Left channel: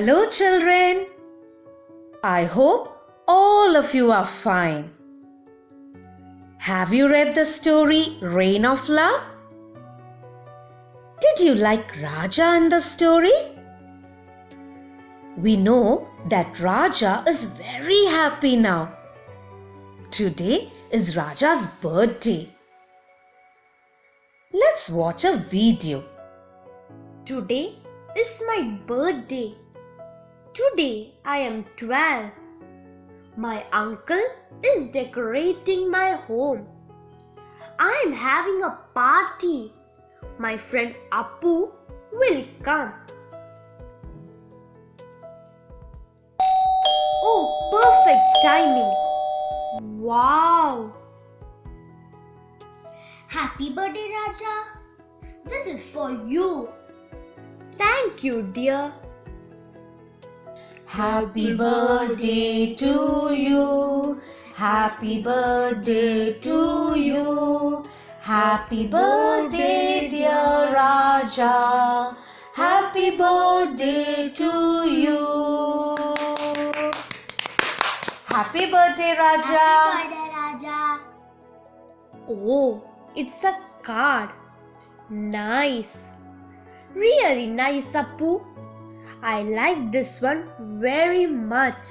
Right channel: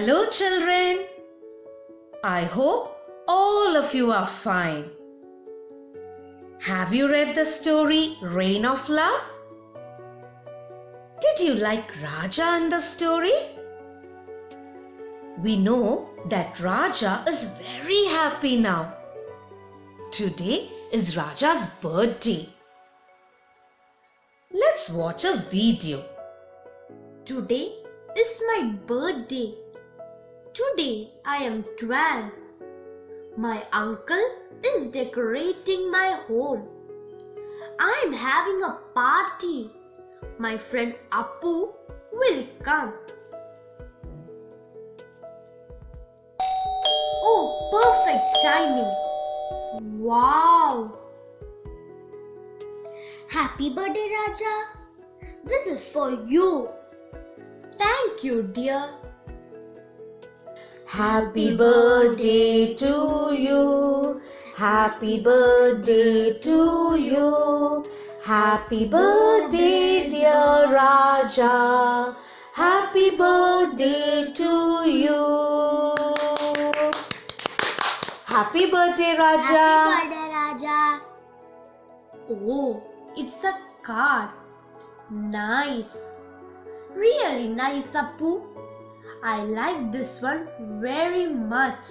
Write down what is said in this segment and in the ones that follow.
Hello children. I hope all of you are fine. Have you read the story Rain of Love? Did you like Raja in the story? We know that Raja is very happy now. Today is Raja's birthday. Let's watch a video. Today is my birthday. Today I am 12. My uncle is decorating my home. I am having a party. My friend Appu will come. Oh, perfect timing. Wow. Happy birthday, Raja. This is for you. Thank you, dear. Happy birthday to you. Happy birthday to you. Happy birthday, dear Raja. Happy birthday to you. Happy birthday, Raja. Happy birthday, Raja. Oh, it's a card. Nice. Really nice, Appu. I like this one very much.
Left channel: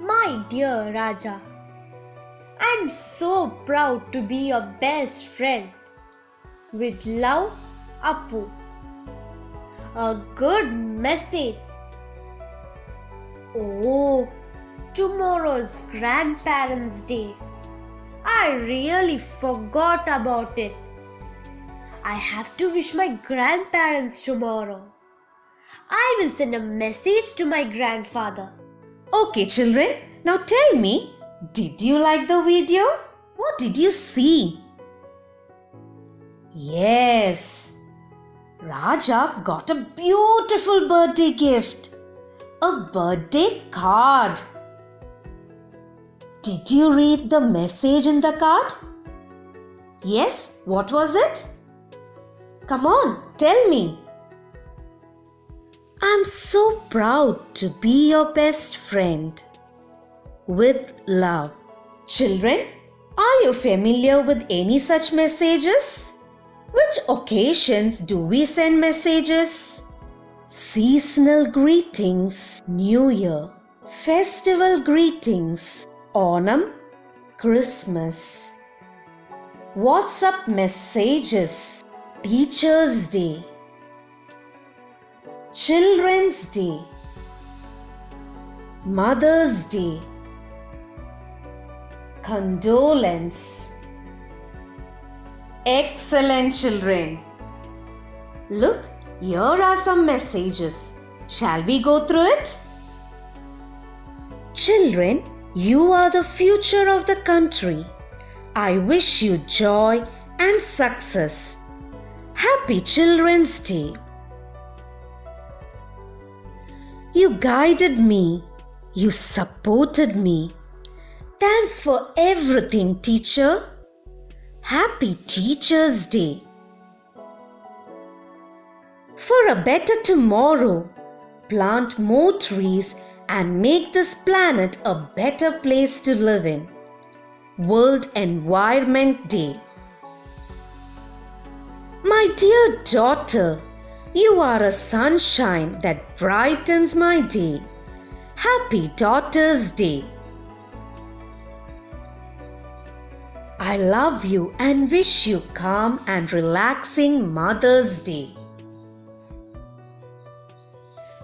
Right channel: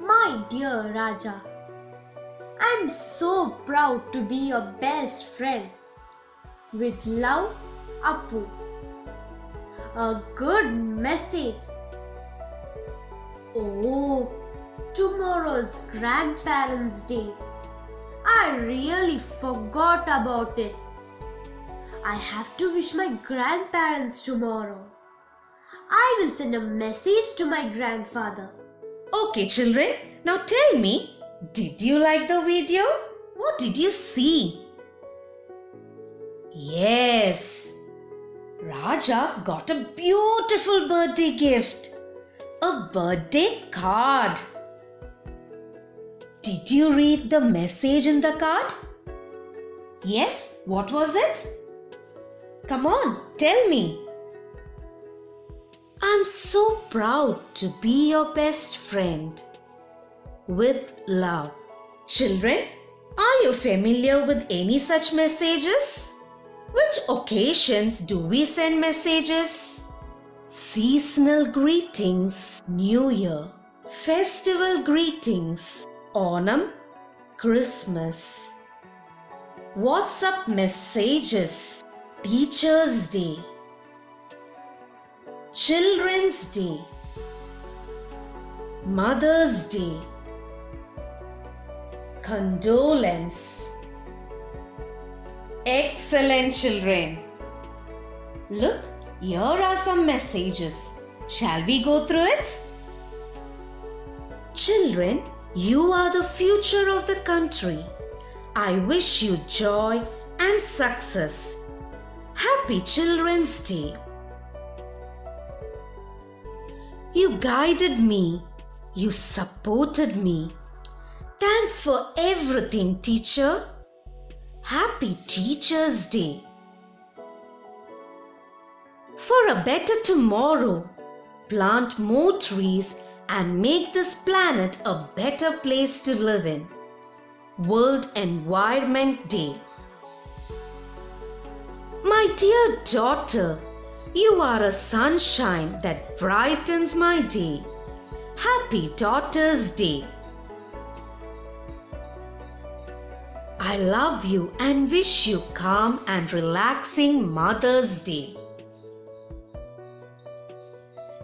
My dear Raja, I'm so proud to be your best friend. With love, Appu. A good message. Oh, tomorrow's Grandparents' Day. I really forgot about it. I have to wish my grandparents tomorrow. I will send a message to my grandfather. Okay, children, now tell me, did you like the video? What did you see? Yes, Raja got a beautiful birthday gift. A birthday card. Did you read the message in the card? Yes, what was it? Come on, tell me. I'm so proud to be your best friend. With love. Children, are you familiar with any such messages? Which occasions do we send messages? Seasonal greetings, New Year. Festival greetings, Onam, Christmas. WhatsApp messages, Teachers' Day, Children's Day, Mother's Day, Condolence. Excellent, children. Look, here are some messages. Shall we go through it? Children, you are the future of the country. I wish you joy and success. Happy Children's Day. You guided me. You supported me. Thanks for everything, teacher. Happy Teacher's Day. For a better tomorrow, plant more trees and make this planet a better place to live in. World Environment Day. My dear daughter, you are a sunshine that brightens my day. Happy Daughter's Day. I love you and wish you calm and relaxing Mother's Day.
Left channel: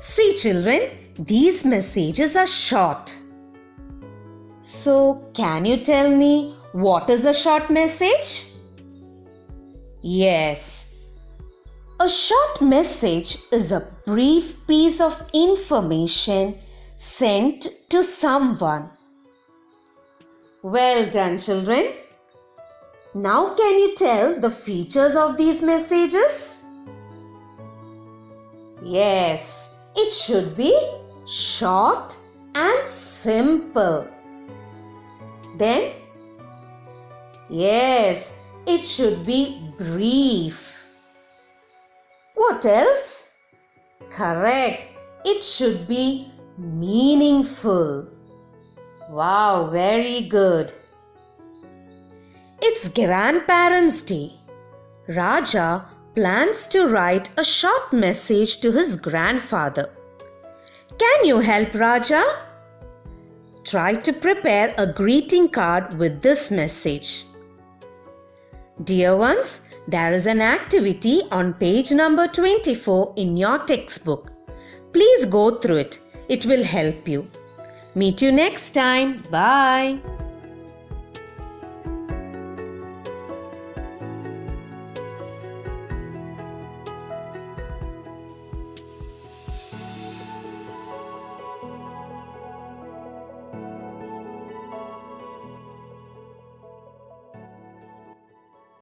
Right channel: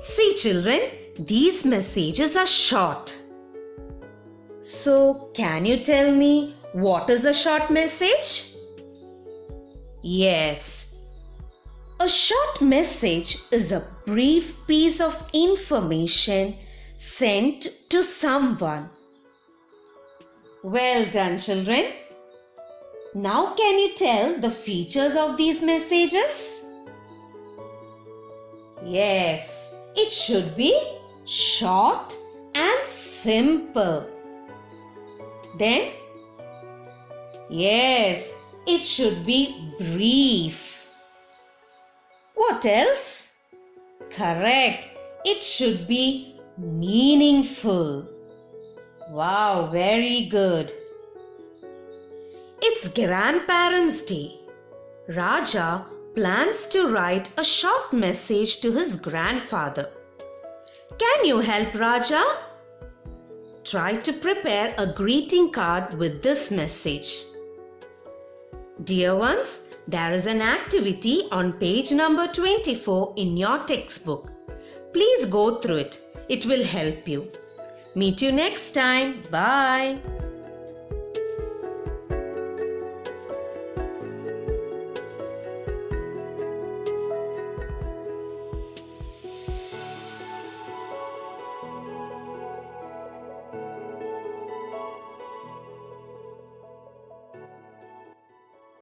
See children, these messages are short. So, can you tell me what is a short message? Yes. A short message is a brief piece of information sent to someone. Well done, children. Now can you tell the features of these messages? Yes, it should be short and simple. Then, yes, it should be brief. What else? Correct. It should be meaningful. Wow, very good. It's Grandparents' Day. Raja plans to write a short message to his grandfather. Can you help Raja? Try to prepare a greeting card with this message. Dear ones, there is an activity on page number 24 in your textbook. Please go through it. It will help you. Meet you next time. Bye.